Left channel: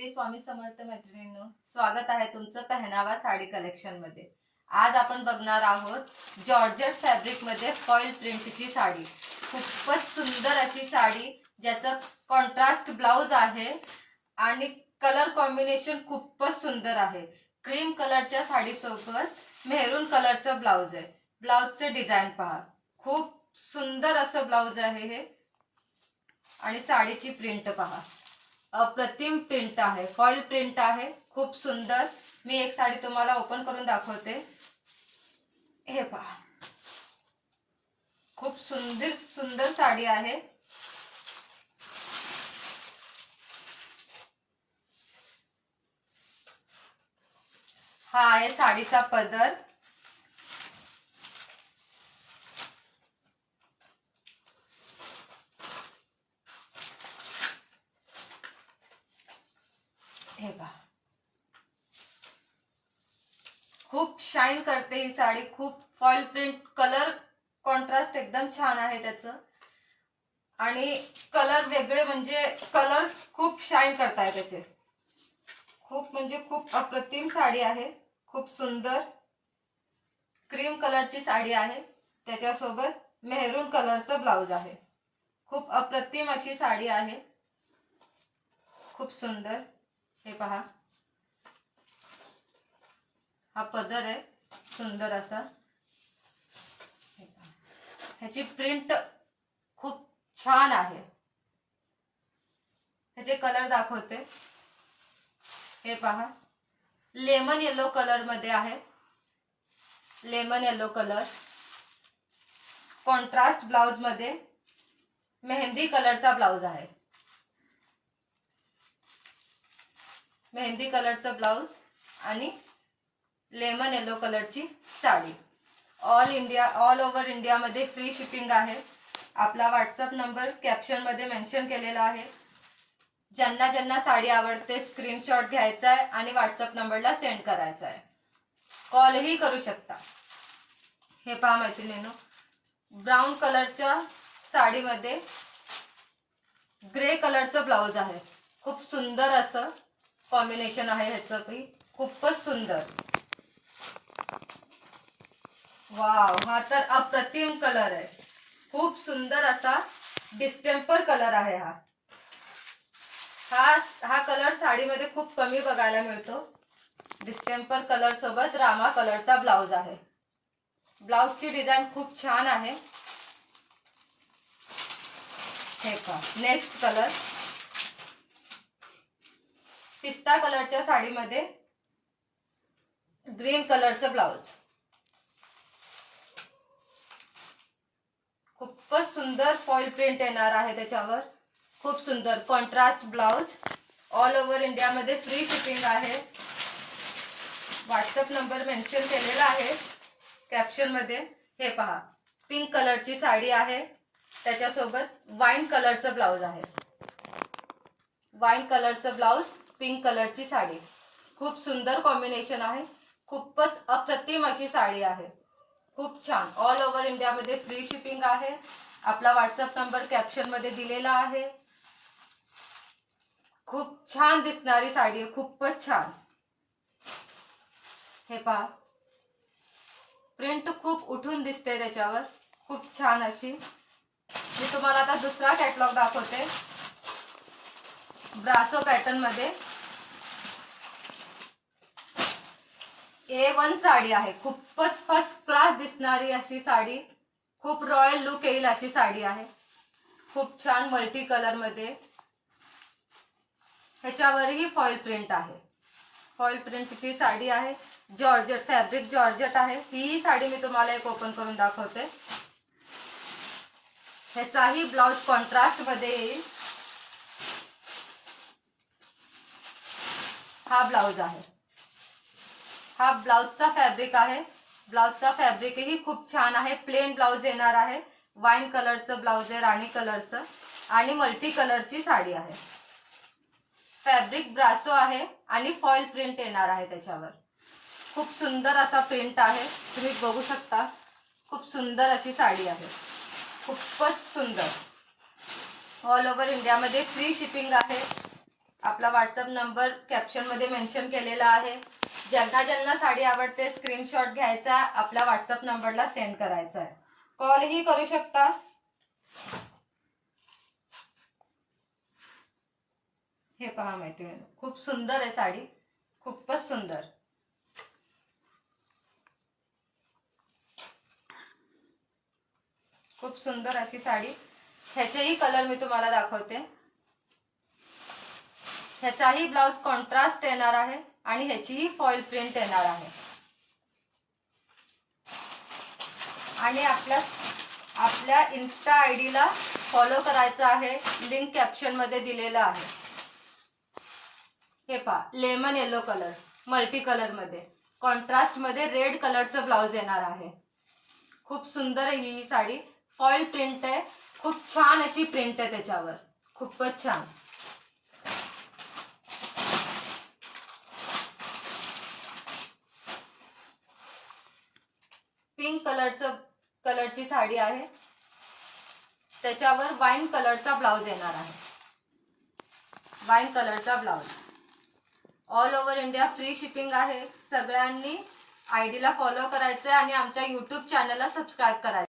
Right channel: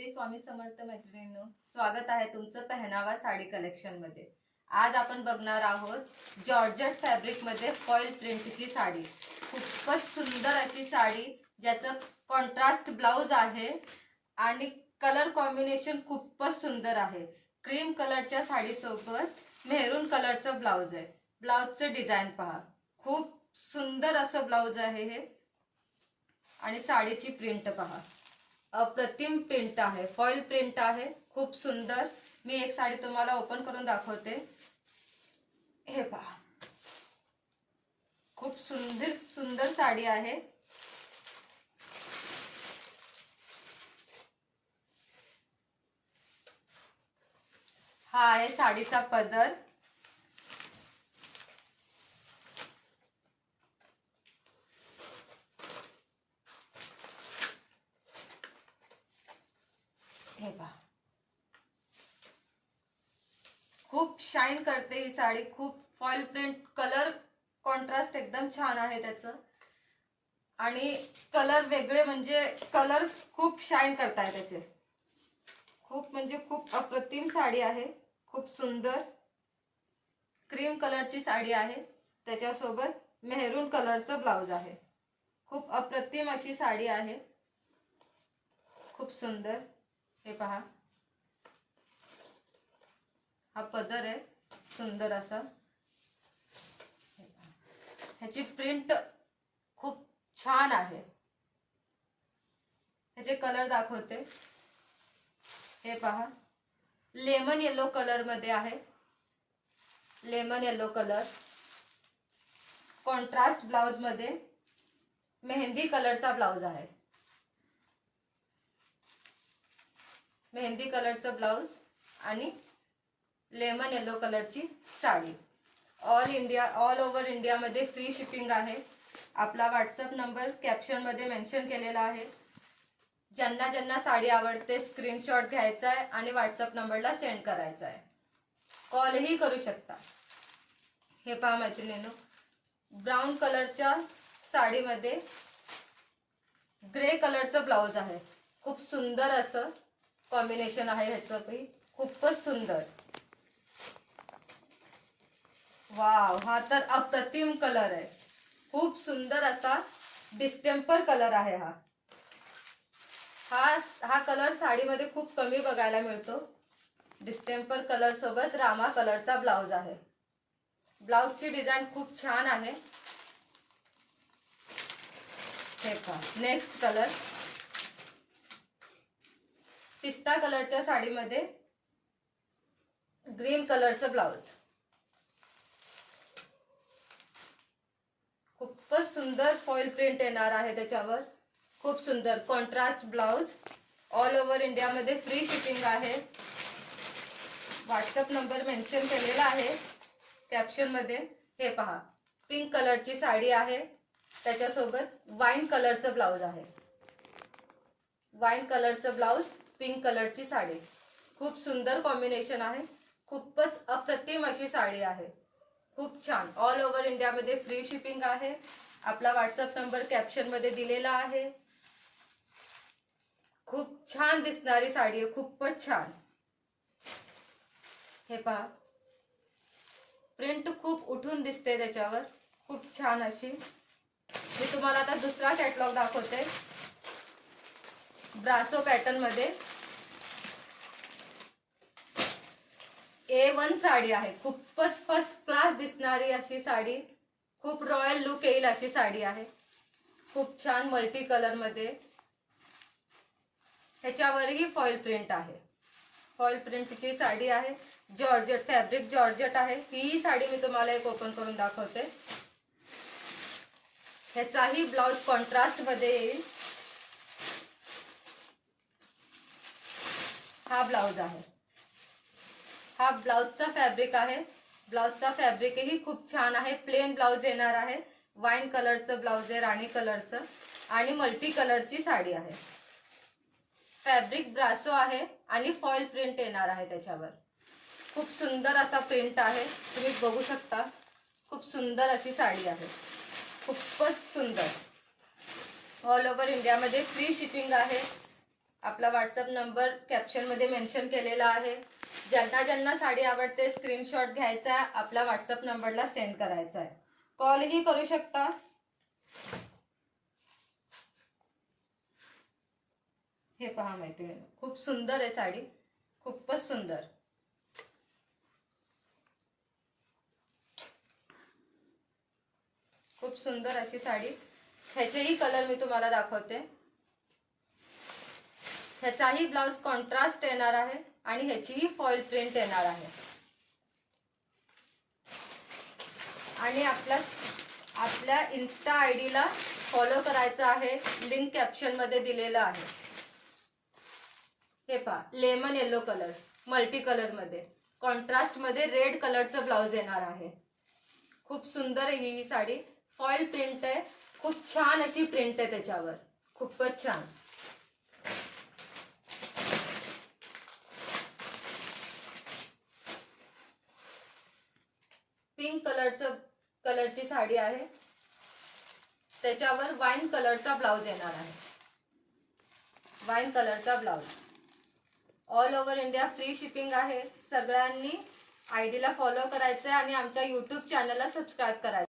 श्री स्वामी समर्थ मैत्रिणींनो, स्वागत आहे तुमचं पहनावा साडी कलेक्शन मध्ये। आज आपण बघणार आहोत जॉर्जेट फॅब्रिक मध्ये फॉइल प्रिंटची साडी। खूपच सुंदर अशी साडी, ज्याचं कॉन्ट्रास्ट ब्लाउज आहे आणि कलर कॉम्बिनेशन खूपच सुंदर आहे। क्रीम कलरच्या साडी सोबत मेहरून कलरचं ब्लाउज आहे। ब्लाउजचं डिझाइन पहा, खूप सुंदर असं ब्लाउज आहे हे। आणि साडीची प्रिंट पहा, अप्रतिम प्रिंट आहे, फॉइल प्रिंट आहे, खूप सुंदर। मी एक साडी तुम्हाला ओपन करून दाखवते। हे पहा, खूप सुंदर सुंदर साडी आहे। हा आहे साडीचा पदर। हे पहा, खूप शाइन करते ही साडी। खूप फॉइल प्रिंट, कलर कॉन्ट्रास्ट एकदम छान आहे त्याचं। आणि कलर वेगळे, म्हणजे कलर खूप शाइन करताय त्याचे। खूप म्हणजे खूप अप्रतिम साडी आहे, खूप सुंदर। क्रीम कलरची साडी आहे, त्याच्यासोबत मेहरून कलरचं ब्लाउज आहे। खूप अप्रतिम अशी साडी आहे, खूप सुंदर। हे पहा, हा पदर आहे सुंदर असा। ह्याची प्रिंट खूप छान आहे। ह्याचे कलर दाखवते। हे पहा, लेमन येलो कलर मध्ये आहे, lemon yellow colour. Contrast blouse मध्ये मेहंदी कलरचा ब्लाउज आहे, मेहंदी कलरचा ब्लाउज आणि लेमन येलो कलरची साडी। ऑल ओव्हर इंडिया मध्ये फ्री शिपिंग आहे। आपला व्हॉट्सअप नंबर कॅप्शन मध्ये मेन्शन केलेला आहे। ज्यांना ज्यांना साडी आवडते स्क्रीनशॉट घ्यायचा आहे आणि व्हॉट्सअप नंबरला सेंड करायचा आहे। कॉलही करू शकता। हे पहा मैत्रिणींनो, ब्राऊन कलरच्या साडीमध्ये ग्रे कलरचं ब्लाउज आहे। खूप सुंदर असं कॉम्बिनेशन आहे ह्याचं भी, खूपच सुंदर। वाव, हा तर अप्रतिम कलर आहे। खूप सुंदर असा डिस्टेम्पर कलर आहे हा। हा कलर साडीमध्ये खूप कमी बघायला मिळतो। डिस्टेम्पर कलर सोबत रामा कलरचा ब्लाउज आहे। ब्लाउजची डिझाइन खूप छान आहे। हे पहा, नेक्स्ट कलर पिस्ता कलरच्या साडीमध्ये ग्रीन कलरचं ब्लाउज। खूपच सुंदर फॉइल प्रिंट येणार आहे त्याच्यावर। खूप सुंदर contrast blouse. All over India मध्ये फ्री शिपिंग आहे। व्हॉट्सअप नंबर मेन्शन केलेला आहे कॅप्शन मध्ये। हे पहा, पिंक कलरची साडी आहे, त्याच्यासोबत वाईन कलरचं ब्लाउज आहे। वाईन कलरचं ब्लाउज, पिंक कलरची साडी। खूप सुंदर कॉम्बिनेशन आहे, खूपच अप्रतिम अशी साडी आहे, खूप छान। ऑल ओव्हर इंडिया मध्ये फ्री शिपिंग आहे। आपला व्हॉट्सअप नंबर कॅप्शन मध्ये दिलेला आहे। खूप छान दिसणारी साडी आहे, खूपच छान। हे पहा, प्रिंट खूप उठून दिसते त्याच्यावर, खूप छान अशी। मी तुम्हाला आता दुसरा कॅटलॉग दाखवते, ब्रासो पॅटर्न मध्ये। A1 साडी आहे, खूपच फर्स्ट क्लास दिसणारी अशी साडी। खूप रॉयल लुक येईल अशी साडी आहे, खूप छान मल्टी कलर मध्ये। ह्याच्यावरही फॉइल प्रिंट आहे, फॉइल प्रिंटची साडी आहे। जॉर्जेट फॅब्रिक, जॉर्जेट आहे। ही साडी मी तुम्हाला एक ओपन करून दाखवते। ह्याचाही ब्लाउज कॉन्ट्रास्ट मध्ये येईल। हा ब्लाउज आहे, हा ब्लाउजचा फॅब्रिक आहे। ब्लाउजचा फॅब्रिकही खूप छान आहे। प्लेन ब्लाउज येणार आहे, वाईन कलरचं ब्लाउज आहे, राणी कलरचं, आणि मल्टी कलरची साडी आहे। फॅब्रिक ब्रासो आहे आणि फॉइल प्रिंट येणार आहे त्याच्यावर। खूप सुंदर असा प्रिंट आहे, तुम्ही बघू शकता। खूप सुंदर अशी साडी आहे, खूपच सुंदर। ऑल ओव्हर इंडिया मध्ये फ्री शिपिंग आहे। आपला व्हॉट्सअप नंबर कॅप्शन मध्ये मेन्शन केलेला आहे. ज्यांना ज्यांना साडी आवडते स्क्रीनशॉट घ्यायचा, आपल्या व्हॉट्सअप नंबरला सेंड करायचा आहे. कॉलही करू शकता. हे पहा मैत्रिणी, खूप सुंदर आहे साडी, खूपच सुंदर. खूप सुंदर अशी साडी. ह्याचेही कलर मी तुम्हाला दाखवते. ह्याचाही ब्लाउज कॉन्ट्रास्ट येणार आहे आणि ह्याचीही फॉइल प्रिंट येणार आहे. आणि आपल्या इन्स्टा आयडी ला फॉलो करायचं आहे. लिंक कॅप्शन मध्ये दिलेलं आहे. हे पहा, lemon yellow colour, multi colour मध्ये, कॉन्ट्रास्ट मध्ये रेड कलरचं ब्लाउज येणार आहे. खूप सुंदर आहे ही साडी. फॉइल प्रिंट आहे, खूप छान अशी प्रिंट आहे त्याच्यावर, खूपच छान. पिंक कलरची साडी आहे. त्याच्यावर वाईन कलरचा ब्लाउज येणार आहे. वाईन कलरचा blouse. All over India free shipping आहे. सगळ्यांनी आयडीला फॉलो करायचं आणि आमच्या YouTube चॅनलला सबस्क्राईब करायचं.